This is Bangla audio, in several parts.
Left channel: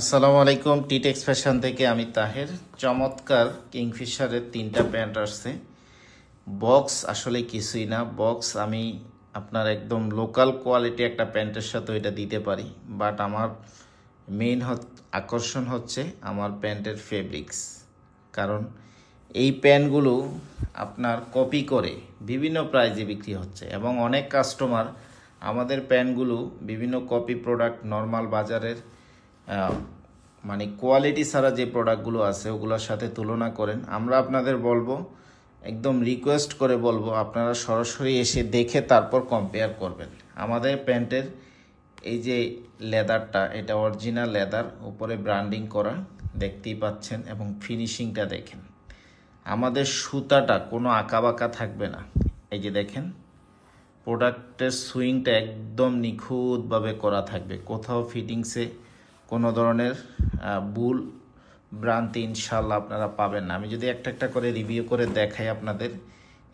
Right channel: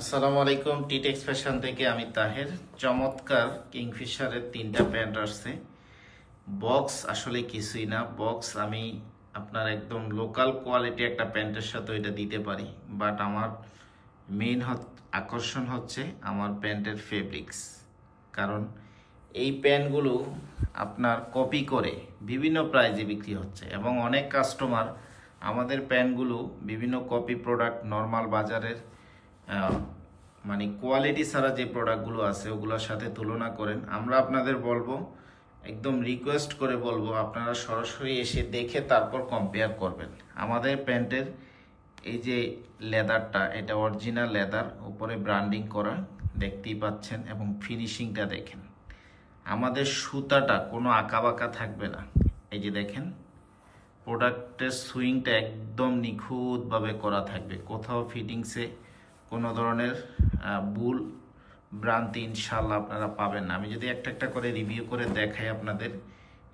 আসসালামু আলাইকুম। টিটেক্স ফ্যাশন থেকে আমি তাহের। চমৎকার কিংফিশারের 3টা প্যান্ট আসছে। বক্স আসলে কিছুই না, বক্স আমি আপনার একদম লোকাল কোয়ালিটি একটা প্যান্টের সাথে এটা দিতে পারি, বাট আমার মেইন আকর্ষণ হচ্ছে আমার প্যান্টের ফেব্রিক্স। কারণ এই প্যান্টগুলো আপনার কপি করে বিভিন্ন প্রাইজে বিক্রি হচ্ছে এবং অনেক কাস্টমার আমাদের প্যান্টগুলো বিভিন্ন কপি প্রোডাক্ট নর্মাল বাজারের মানে কোয়ালিটি ছাড়া যে প্রোডাক্টগুলো আছে ওগুলোর সাথে তুলনা করেন। আমরা আপনাদের বলবো, একদম রিকোয়েস্ট করে বলবো, আপনারা সরাসরি এসে দেখে তারপর কম্পেয়ার করবেন। আমাদের প্যান্টের এই যে লেদারটা, এটা অরিজিনাল লেদার, উপরে ব্র্যান্ডিং করা, দেখতেই পাচ্ছেন, এবং ফিনিশিংটা দেখেন। আমাদের সুতাটা কোনো আঁকাবাঁকা থাকবে না। এই যে দেখেন, প্রোডাক্টের সুইংটা একদম নিখুঁতভাবে করা থাকবে, কোথাও ফিটিংসে কোনো ধরনের ভুল ভ্রান্তি ইনশাল্লাহ আপনারা পাবেন না। আমি যদি একটা একটা করে রিভিউ করে দেখাই আপনাদের।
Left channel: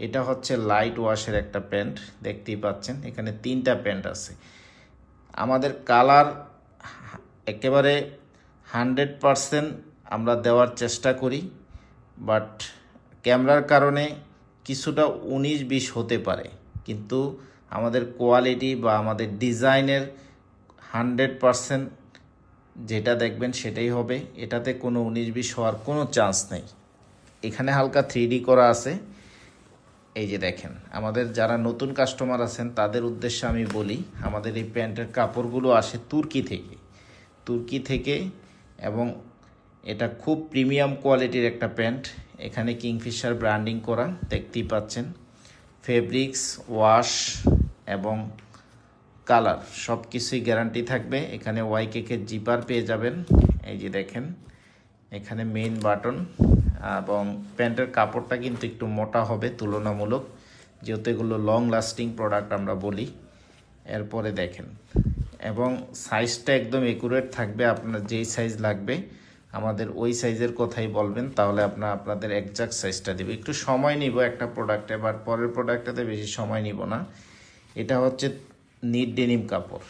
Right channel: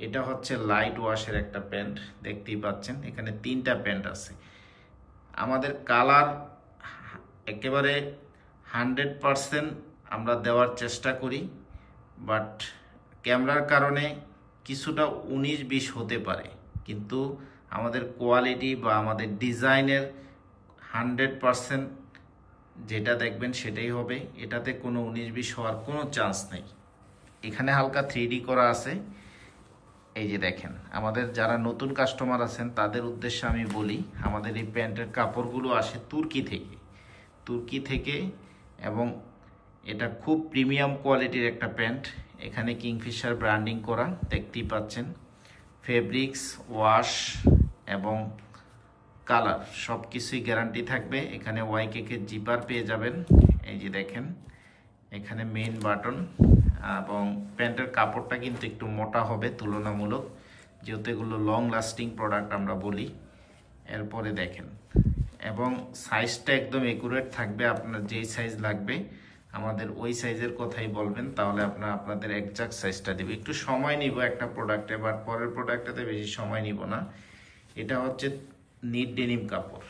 এটা হচ্ছে লাইট ওয়াশের একটা প্যান্ট, দেখতেই পাচ্ছেন। এখানে 3টা প্যান্ট আছে। আমাদের কালার একেবারে 100% আমরা দেওয়ার চেষ্টা করি, বাট ক্যামেরার কারণে কিছুটা 19-20 হতে পারে, কিন্তু আমাদের কোয়ালিটি বা আমাদের ডিজাইনের 100% যেটা দেখবেন সেটাই হবে। এটাতে কোনো 19-20 হওয়ার কোনো চান্স নেই। এখানে হালকা 3D করা আছে। এই যে দেখেন, আমাদের যারা নতুন কাস্টমার আছেন তাদের উদ্দেশ্যে আমি বলি, আমাদের এই প্যান্টের কাপড়গুলো আসে তুর্কি থেকে এবং এটা খুব প্রিমিয়াম কোয়ালিটির একটা প্যান্ট। এখানে কিংফিশার ব্র্যান্ডিং করা, দেখতেই পাচ্ছেন। ফেব্রিক্স, ওয়াশ এবং কালার সব কিছুই গ্যারান্টি থাকবে। এখানে ওয়াইকেকের জিপার পেয়ে যাবেন। এই যে দেখেন, এখানে মেইন বাটন, এবং প্যান্টের কাপড়টা কিন্তু একটু মোটা হবে তুলনামূলক, যেহেতু এগুলো লং লাস্টিং প্রোডাক্ট আমরা বলি। এরপরে দেখেন, এবং সাইজটা একদম একুরেট থাকবে। আপনার যেই সাইজ লাগবে আমাদের ওই সাইজের কথাই বলবেন, তাহলে আপনাদের একজাক্ট সাইজটা দেবে। একটু সময় নিব একটা প্রোডাক্টে, বাট পরের প্রোডাক্টটাতে বেশি সময় নিব না। এটা হচ্ছে নিট ডেনিম কাপড়,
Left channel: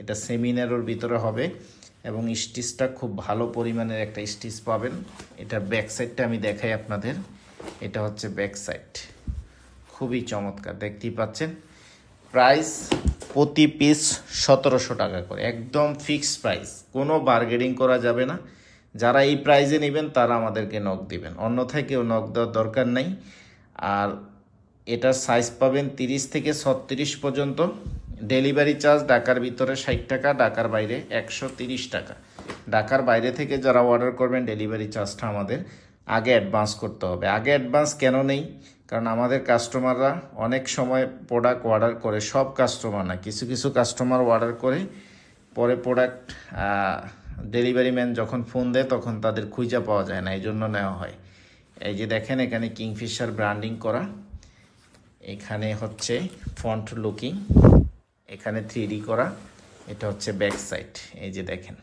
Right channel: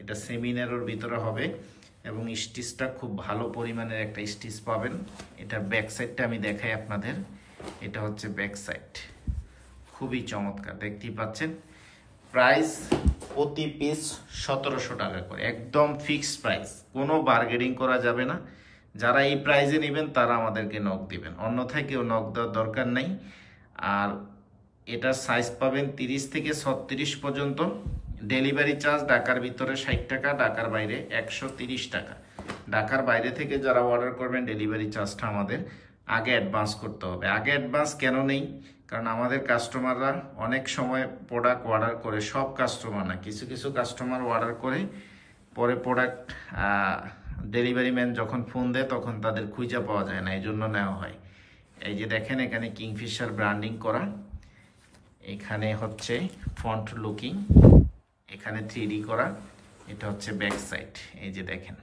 এটা সেমিনারের ভিতরে হবে এবং স্টিচটা খুব ভালো পরিমাণের একটা স্টিচ পাবেন। এটা ব্যাক সাইডটা আমি দেখাই আপনাদের। এটা হচ্ছে ব্যাক সাইড, খুবই চমৎকার, দেখতেই পাচ্ছেন। প্রাইস প্রতি পিস 1700 টাকা করে, একদম ফিক্সড প্রাইস, কোনো বার্গেনিং করা যাবে না। যারা এই প্রাইসে নেবেন তারা আমাদেরকে নক দিবেন, অন্যথায় কেউ নক দেওয়ার দরকার নেই। আর এটার সাইজ পাবেন 30 থেকে 36 পর্যন্ত। ডেলিভারি চার্জ ঢাকার ভিতরে 60 টাকা, ঢাকার বাইরে 130 টাকা। ঢাকার বাইরে থেকে যারা অর্ডার করবেন ডেলিভারি চার্জটা আমাদের আগে অ্যাডভান্স করতে হবে। আগে অ্যাডভান্স কেন নেই? কারণ আমাদের কাস্টমাররা অনেক সময় প্রোডাক্ট অর্ডার করে, সব কাস্টমার না, কিছু কিছু কাস্টমার অর্ডার করে পরে প্রোডাক্ট ডেলিভারি ম্যান যখন ফোন দেয় তখন তাদের খুঁজে পাওয়া যায় না, এই জন্য নেওয়া হয়। এই যে দেখেন, এখানে কিংফিশার ব্র্যান্ডিং করা, এখানে হচ্ছে ফন্ট লুকিং, এখানে 3D করা, এটা হচ্ছে ব্যাক সাইড। এই যে দেখেন,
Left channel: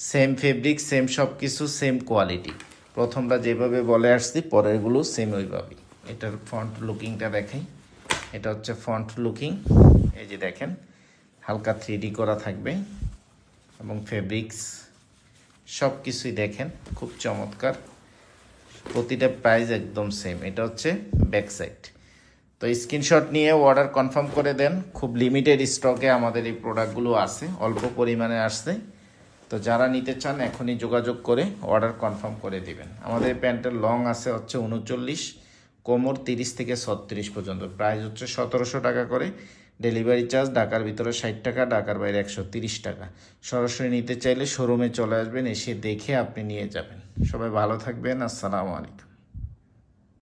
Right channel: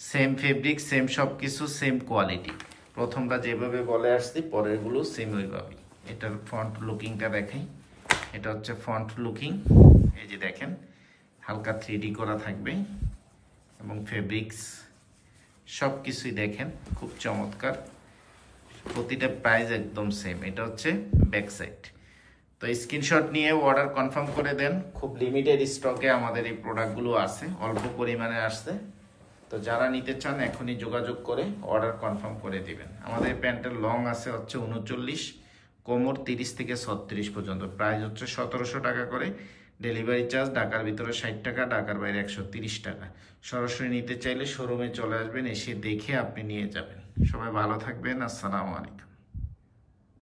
সেম ফেব্রিক, সেম সব কিছু, সেম কোয়ালিটি। প্রথমটা যেভাবে বলে আসছি পরেরগুলো সেম ওইভাবেই। এটার ফন্ট লুকিংটা দেখেন, এটা হচ্ছে ফন্ট লুকিং। এই যে দেখেন, হালকা 3D করা থাকবে এবং ফেব্রিক্স সব কিছুই দেখেন খুব চমৎকার। প্রতিটা প্রাইস একদম সেম। এটা হচ্ছে ব্যাক সাইড। তো স্ক্রিনশট নিয়ে অর্ডার কনফার্ম করে দেন। খুব লিমিটেড স্টকে আমাদের এই প্রোডাক্টগুলো আছে, অল্প পরিমাণে আসছে। তো যারা নিতে চান এখনই যোগাযোগ করে অর্ডার কনফার্ম করে দিবেন। আমাদের প্যান্টের লং আছে হচ্ছে 39, কোমর 30 থেকে 36 পর্যন্ত। প্রাইস হচ্ছে 1700 টাকা করে। ডেলিভারি চার্জ ঢাকার ভিতরে 60 টাকা, ঢাকার বাইরে 130 টাকা। সরাসরি নিতে চাইলে শোরুমে চলে আসবেন, এসে দেখে আপনি নিয়ে যাবেন। সবাই ভালো থাকবেন। আসসালামু আলাইকুম।